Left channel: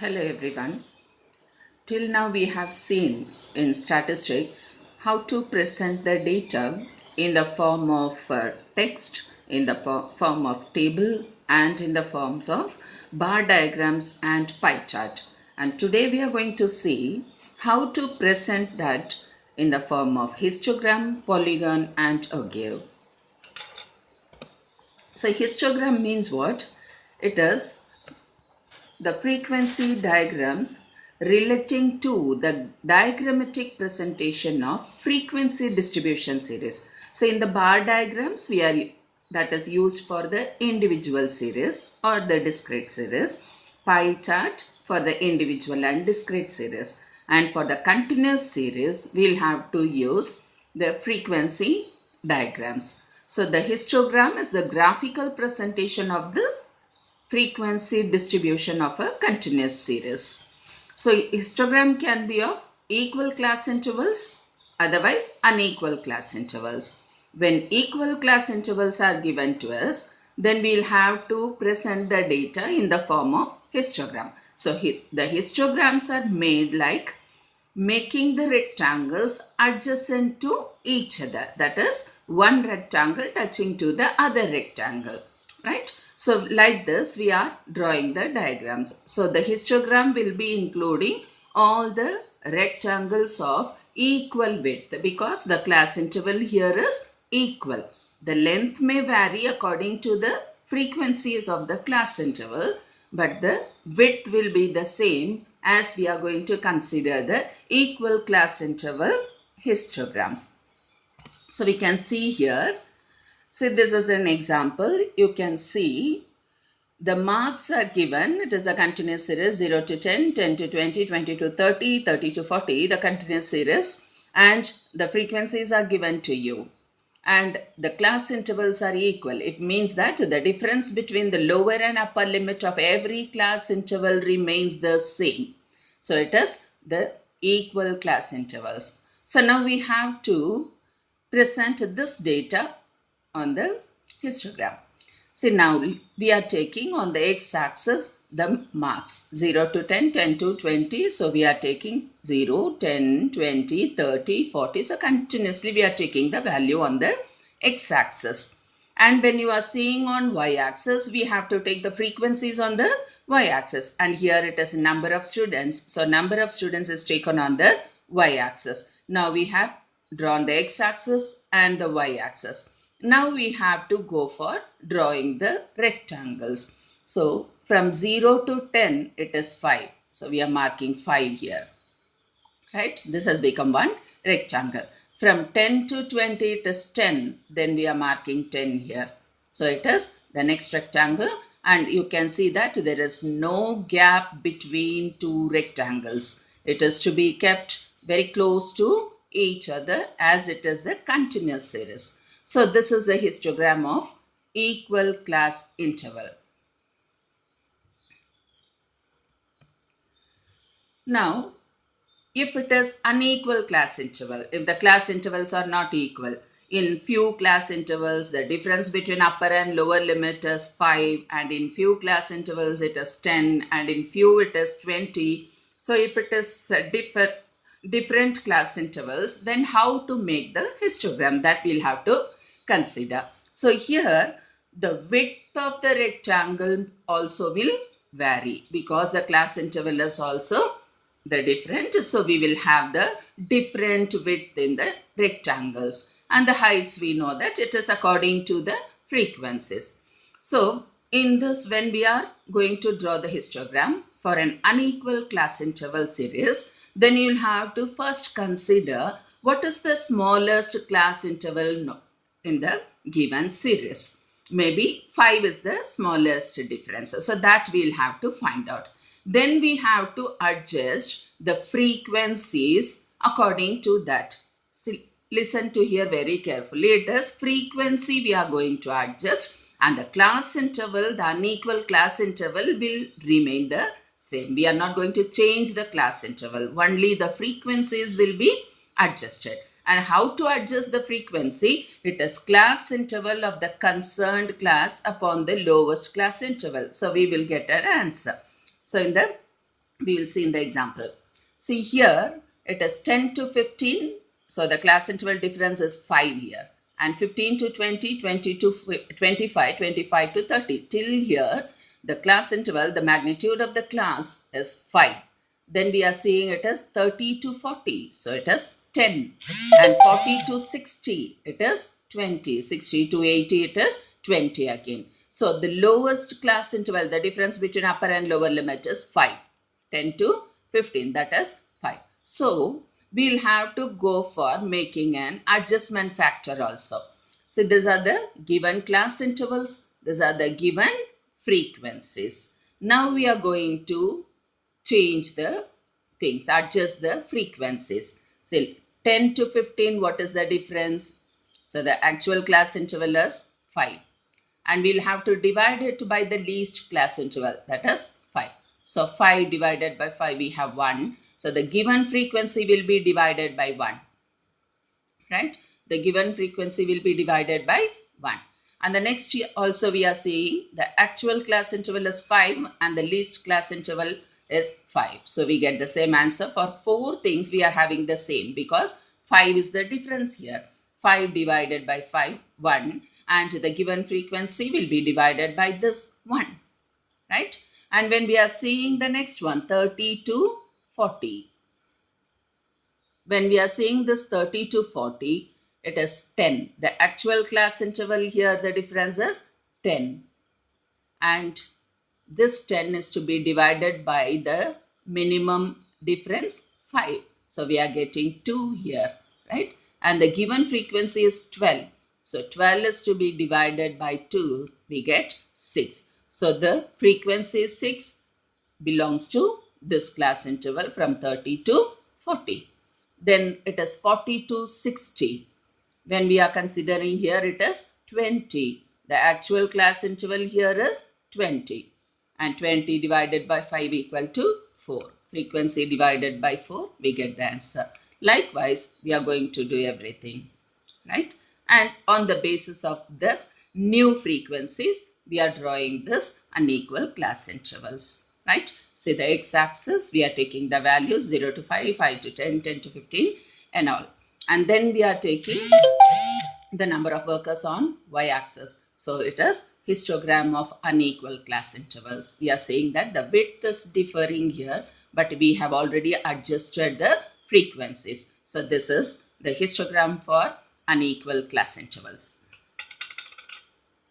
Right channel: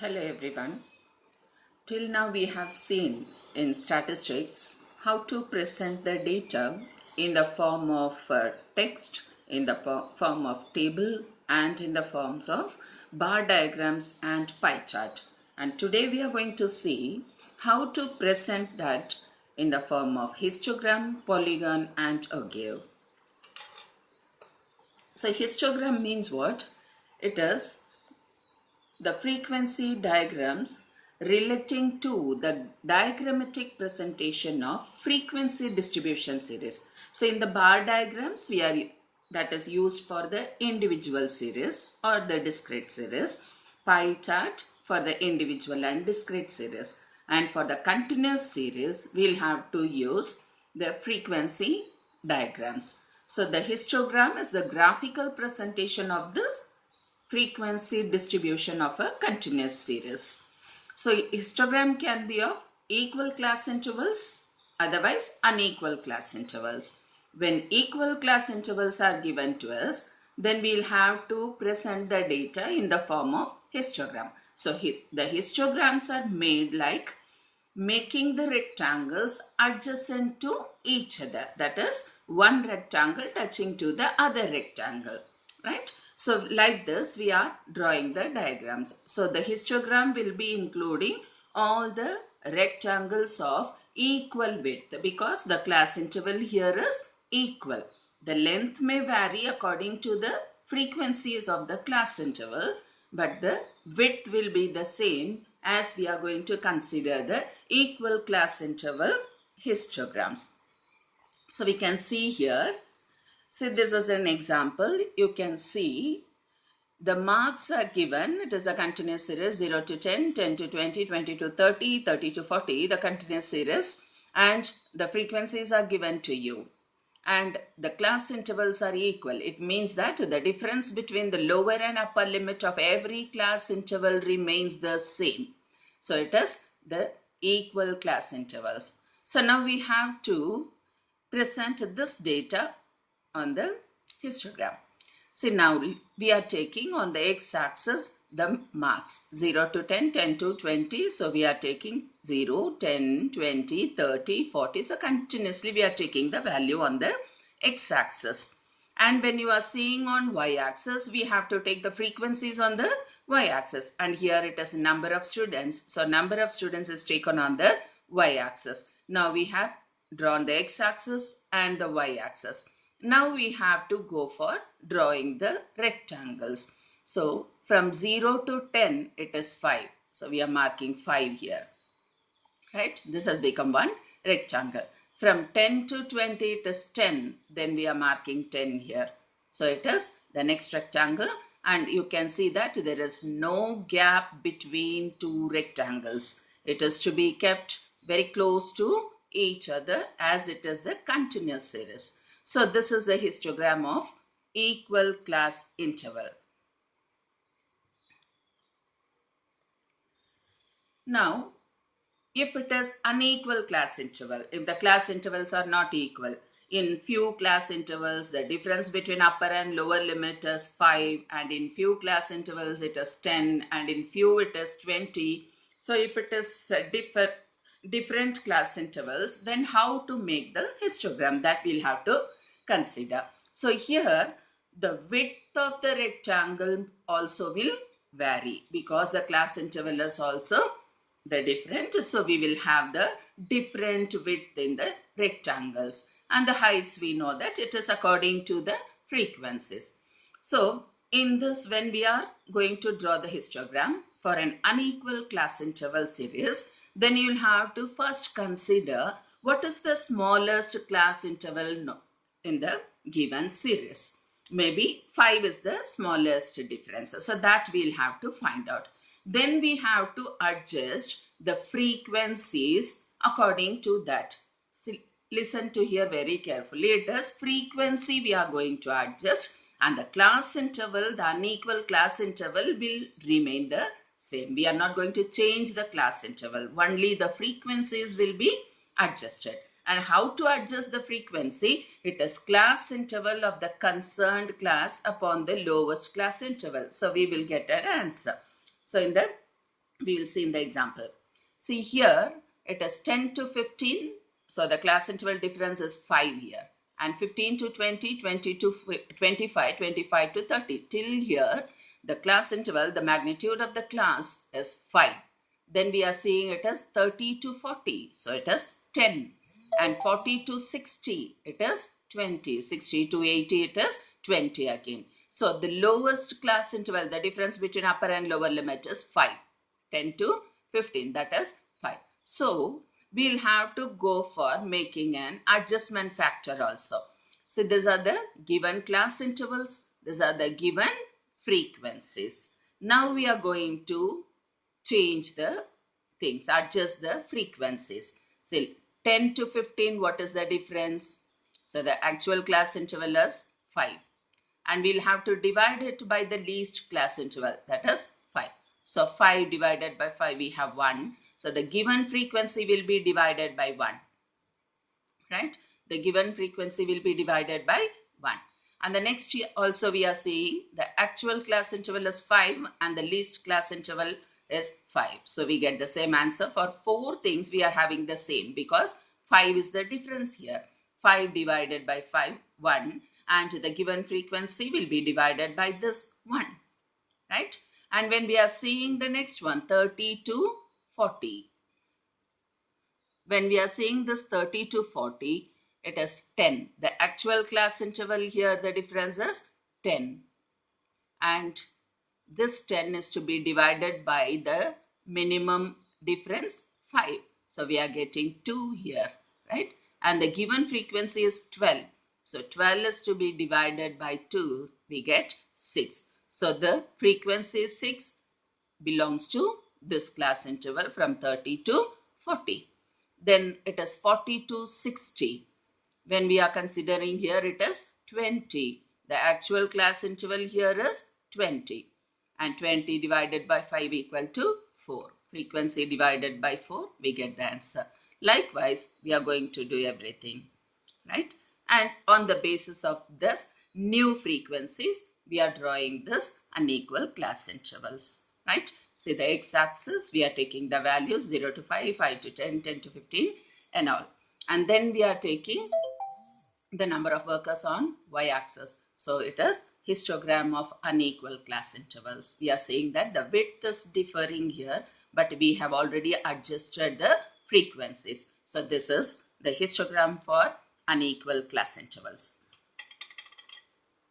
Hello everyone. Till now we have seen in statistics how to present the data in the form of text, in the form of table and in the forms of bar diagrams and pie chart. And today we are going to see how to present that in the form of histogram, polygon and ogive. So histogram means what? It is the frequency diagrams relating to the diagrammatic presentation of frequency distribution series. So in the bar diagrams, that is used for the individual series or the discrete series. Pie chart for the individual and discrete series. And for the continuous series, we'll have to use the frequency diagrams. So the histogram is the graphical presentation of this frequency distribution of a continuous series. So histogram can be of equal class intervals, otherwise unequal class intervals. When equal class intervals are given to us, then we'll have to present the data in the form of histogram. So the histograms are made like making the rectangles adjacent to each other. That is, one rectangle touching to the other rectangle, right? So like this, we are drawing the diagrams. So the histogram will be including all the rectangles of equal width because the class interval here is equal. The length may vary according to the frequencies of the class interval, but the width will be the same as we are going to consider the equal class interval histograms. So we can see here, so this is an example. You can see the marks are given. It is a continuous series 0 to 10, 10 to 20, 20 to 30, 30 to 40, the continuous series, and the frequencies are given to you. And the class intervals are equal. It means that the difference between the lower and upper limit of every class interval remains the same. So it is the equal class intervals. So now we have to present this data on the histogram. See, now we are taking on the x-axis the marks 0 to 10, 10 to 20. So we are taking 0, 10, 20, 30, 40. So continuously we are taking the value on the x-axis. And when you are seeing on y-axis, we have to take the frequencies on the y-axis. And here it is number of students. So number of students is taken on the y-axis. Now we have drawn the x-axis and the y-axis. Now we have to go for drawing the rectangles. So from 0 to 10, it is 5. So we are marking 5 here. Right? This has become one rectangle. From 10 to 20, it is 10. Then we are marking 10 here. So it is the next rectangle. And you can see that there is no gap between two rectangles. It is to be kept very close to each other as it is the continuous series. So this is the histogram of equal class interval. Now, if it is unequal class interval, if the class intervals are not equal, in few class intervals, the difference between upper and lower limit is 5, and in few class intervals, it is 10, and in few, it is 20. So if it is different class intervals, then how to make the histogram, that we'll have to consider. So here, the width of the rectangle also will vary because the class interval is also the different. So we will have the different width in the rectangles, and the heights we know that it is according to the frequencies. So in this, when we are going to draw the histogram for an unequal class interval series, then you will have to first consider what is the smallest class interval in the given series. Maybe 5 is the smallest difference. So that we'll have to find out. Then we have to adjust the frequencies according to that. See, listen to here very carefully. It is frequency we are going to adjust, and the class interval, the unequal class interval, will remain the same. We are not going to change the class interval. Only the frequencies will be adjusted. And how to adjust the frequency? It is class interval of the concerned class upon the lowest class interval. So we will get an answer. So in the We will see in the example. See here, it is 10 to 15. So the class interval difference is 5 here. And 15 to 20, 20 to 25, 25 to 30. Till here, the class interval, the magnitude of the class is 5. Then we are seeing it as 30 to 40. So it is 10. And 40 to 60, it is 20. 60 to 80, it is 20 again. So the lowest class interval, the difference between upper and lower limit is 5. 10 to 15, that is 5. So we'll have to go for making an adjustment factor also. So these are the given class intervals. These are the given frequencies. Now we are going to change the things, adjust the frequencies. So 10 to 15, what is the difference? So the actual class interval is 5. And we'll have to divide it by the least class interval, that is 5. So 5 divided by 5, we have 1. So the given frequency will be divided by 1, right? The given frequency will be divided by 1. And the next also we are seeing the actual class interval is 5 and the least class interval is 5. So we get the same answer for 4 things. We are having the same because 5 is the difference here. 5 divided by 5, 1, and the given frequency will be divided by this 1, right? And when we are seeing the next one, 30 to 40. When we are seeing this 30 to 40, it is 10. The actual class interval here, the difference is 10. And this 10 is to be divided by the minimum difference 5. So we are getting 2 here, right? And the given frequency is 12. So 12 is to be divided by 2. We get 6. So the frequency 6 belongs to this class interval from 30 to 40. Then it is 40 to 60. When we are considering here, it is 20. The actual class interval here is 20. And 20 divided by 5 equal to 4. Frequency divided by 4, we get the answer. Likewise, we are going to do everything, right? And on the basis of this new frequencies, we are drawing this unequal class intervals, right? See the x-axis, we are taking the values 0 to 5, 5 to 10, 10 to 15 and all. And then we are taking the number of workers on y-axis. So it is histogram of unequal class intervals. We are saying that the width is differing here, but we have already adjusted the frequencies. So this is the histogram for unequal class intervals.